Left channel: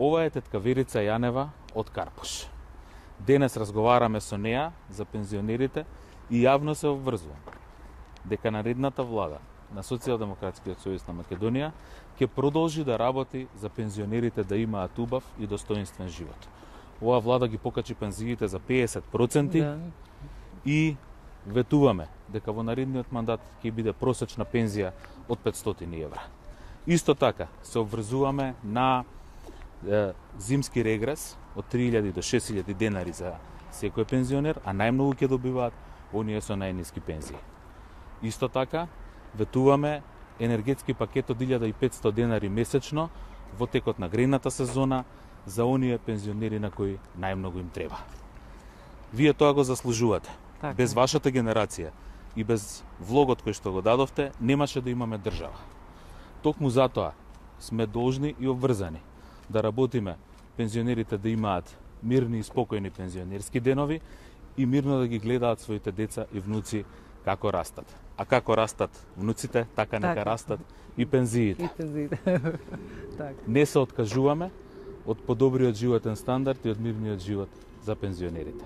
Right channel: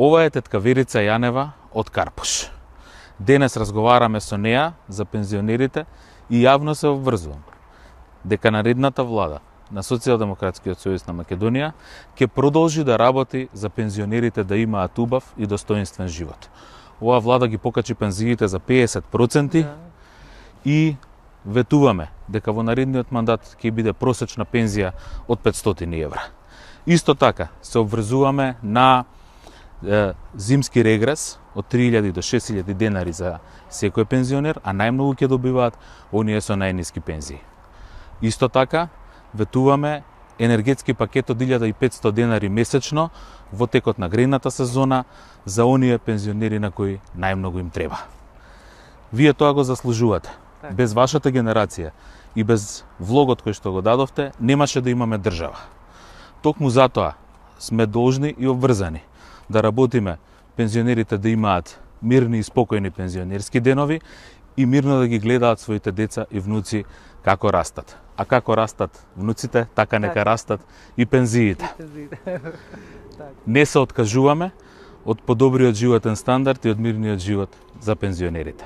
Ова е тетка Верица Јанева од Карпуш. Денес разговараме со неа за пензионерите и јавно се обврзувам дека наредната влада на Социјалдемократскиот сојуз на Македонија ќе продолжи да работи за пензионерите да имаат убав и достоинствен живот. Оваа влада ги покачи пензиите за 50% и ветуваме дека во наредниот мандат ќе биде просечна пензија од 500 евра. Исто така се обврзуваме на зимски регрес од 3000 до 6000 денари за секој пензионер, а најмногу ќе добиваат оние со најниски пензии. Исто така ветуваме енергетски пакет од 1500 денари месечно во текот на грејната сезона за оние пензионери на кои најмногу им треба. Вие тоа го заслужувате. Без вашата генерација и без влогот кој што го дадовте, немаше да имаме држава. Токму затоа сме должни и обврзани да работиме пензионерите да имаат мирни и спокојни пензионерски денови и мирно да ги гледаат своите деца и внуци како растат. А како растат внуците, така нека растат и пензиите. Не се откажуваме од подобриот животен стандард и од мирниот живот за пензионерите.